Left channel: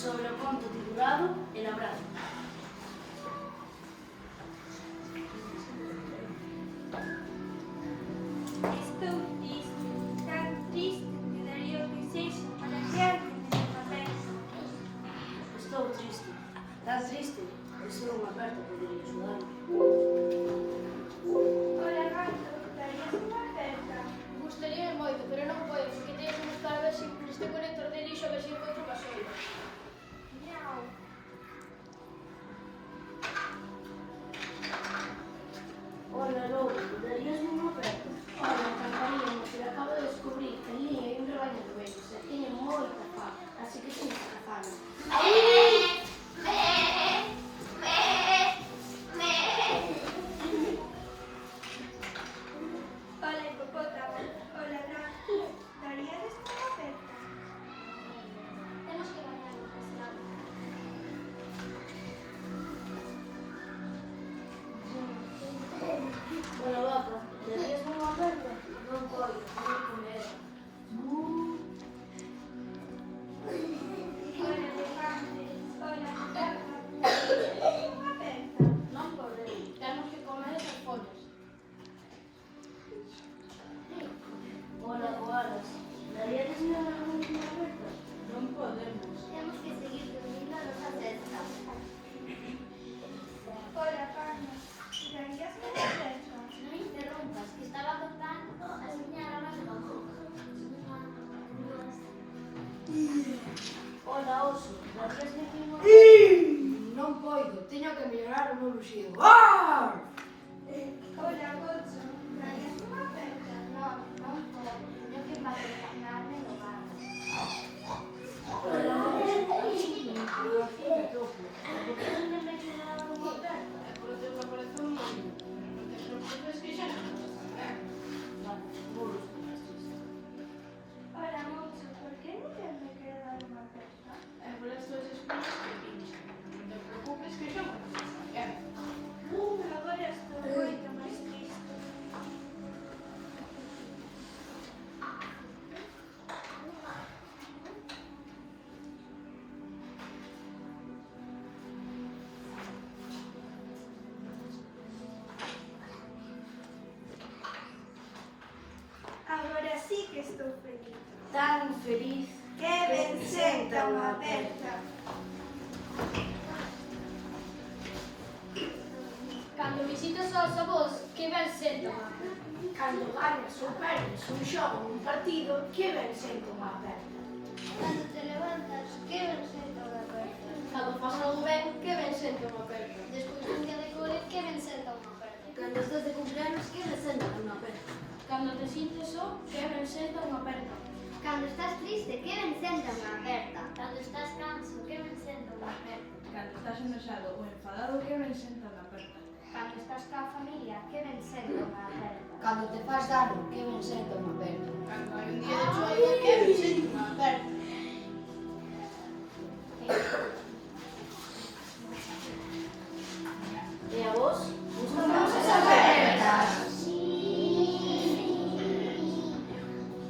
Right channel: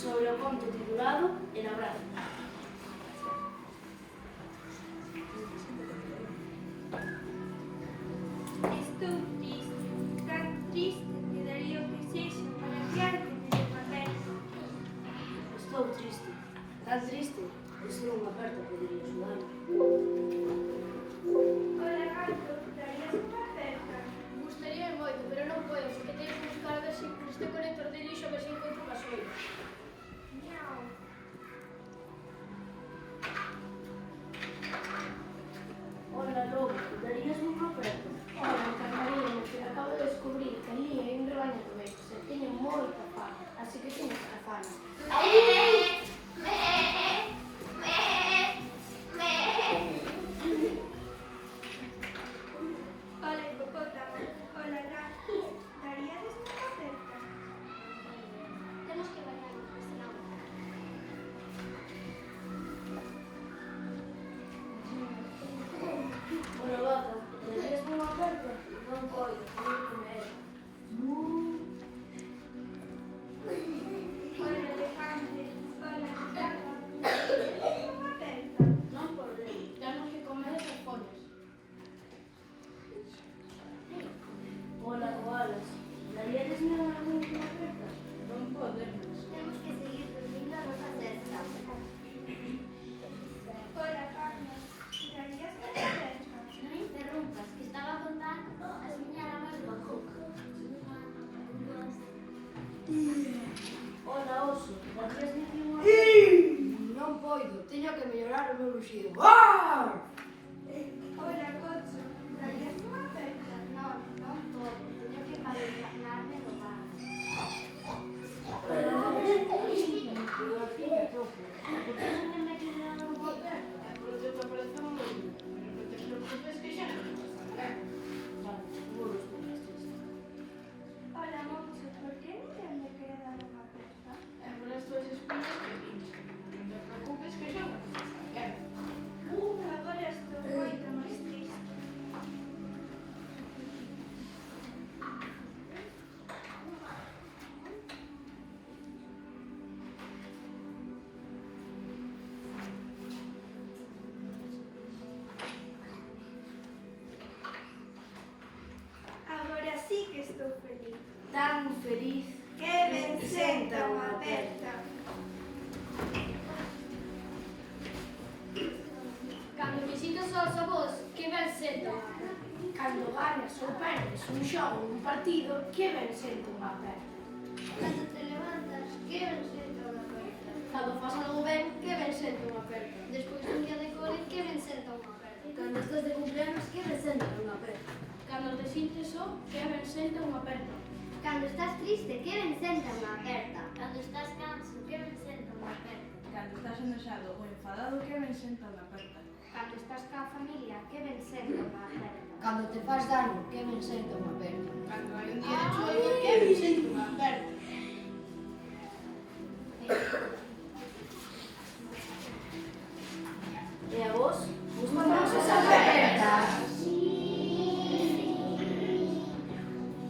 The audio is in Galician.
sobre o conto titulado El abrazo. Estou triste, tan triste que daría o que sexa para que alguén me dé papel. Estou triste, tan triste, que se non me aperta podería axudarme. Ola, gato, darías unha aperta? Gustaría moito, pero non podo, porque teño que buscar ver se este colector de lixo a ver se encontro gasoil. Miau. Ola, lobo, darías unha aperta? Ora, encantaríame, pero acabo de descubrir que ali hai un rebaño de ovejos e teñen moita fame, así que teño que cazala. Ola, hipopótamo. Ola, gato, daríades unha aperta? Temos que bañar o restaurante. Ola, vaca, darías unha aperta? Non coio, teño que comer. Ola, elefante. Ola, gato, daríades unha aperta? Non podemos, temos que comer esas follas. Ola, koalas, daríades unha aperta? Non podemos. Temos que seguir dormindo a nosa cesta. Ola, panda, darías unha aperta? Non interrumpas, que estaba contando a señora máis bajo. Ola, oso, darías unha aperta? Non poido, teño que mellorar o meu ruxido. Ola, gocho, darías unha aperta? Non, non podo. Teño que vacinarme no bar. Ola, oso, unha finca troco. Por que non me queres dar unha aperta? Por teu que aparece un mundo, pero non te preocupes que xa non vas a ver. Vale, non os tengas triste. Ola, mocho, por que ninguén me quere dar unha aperta? É por as túas espinas que pinchan. Non te preocupes que xa non vas a ver. Agora estou moito máis triste. Agora sí que estou feliz. Tan feliz Que ben senta unha aperta. Cando visitas aos avós, que ben senta. Cando ganas ou perdes un xogo un partido, que ben senta unha aperta. Cando te levantas, que ben senta unha aperta. Cando fas algo ben, que ben senta unha aperta. Despois dun día de cole, que ben senta unha aperta. Cando estás de cumpleanos, que recenda unha aperta? Cando te sintes só, que ben senta unha aperta. Cando estás triste, que ben senta unha aperta. Cando estás canso, que ben senta unha aperta. Cando estás enojado ou enfadado, que ben senta unha aperta. Cando estás coa familia, que ben senta unha aperta. Cando te faz dano, que ben senta unha aperta. Cando hai un día de choiva, que ben senta unha aperta.